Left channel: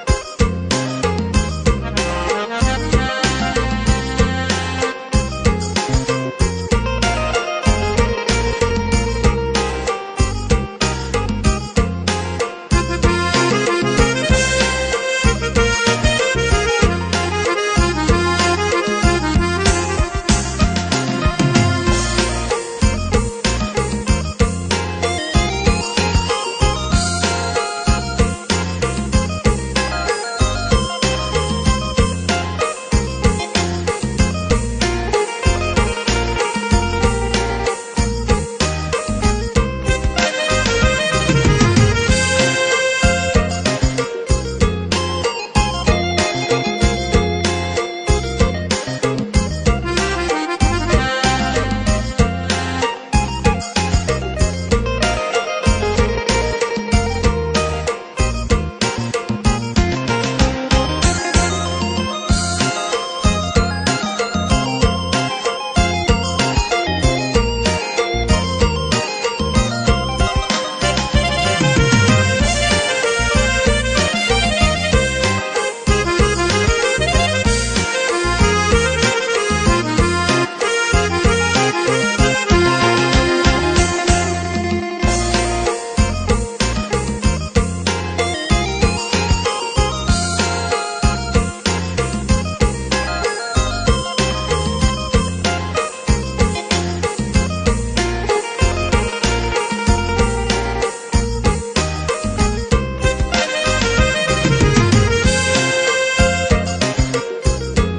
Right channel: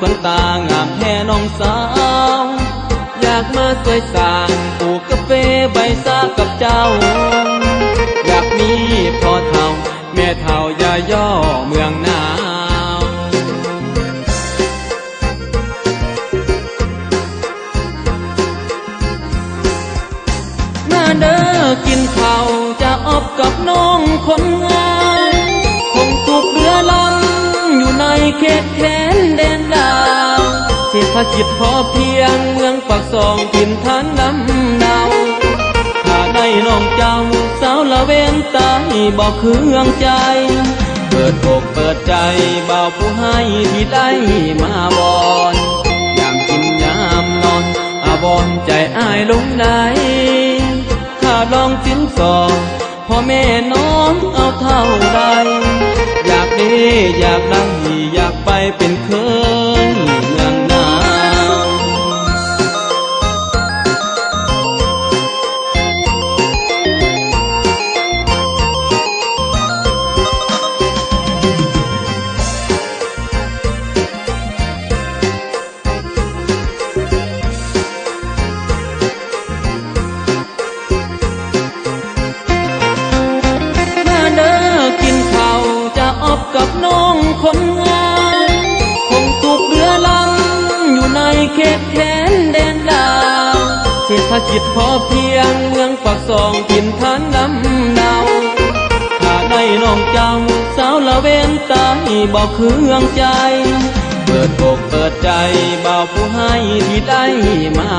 คนตางามแค่น้องสาวอยากมาสวยสางปลูกกาแฟใบซากับเจ้าอยากมีพ่อเฒ่าแม่เฒ่าอย่าย่อเมืองหนาวมาเด้อกินข้าวจะอบกับน้องคนงามคงสุขเรือลำอยู่ในเขตแดนแดนดาวเศรษฐกิจพอเพียงเมืองปากซองกินทานลำดาวถ้าได้น้องเจ้าสาวละเว้นตายบอกเครื่องใจเปิดอกเปิดใจเบาผู้ให้ที่ได้มาบอนยามกินยามนอนอาบอนใจอ้ายลงได้ถ้าลองสินสอดพ่อแม่น้องเอาเท่าใดอยากดีอยากได้อยากไปเป็นเคยเมืองหนาว มาเด้อกินข้าวจะอบกับน้องคนงามคงสุขเรือลำอยู่ในเขตแดนแดนดาวเศรษฐกิจพอเพียงเมืองปากซองกินทานลำดาวถ้าได้น้องเจ้าสาวละเว้นตายบอกเครื่องใจเปิดอกเปิดใจเบาผู้ให้ที่ได้มา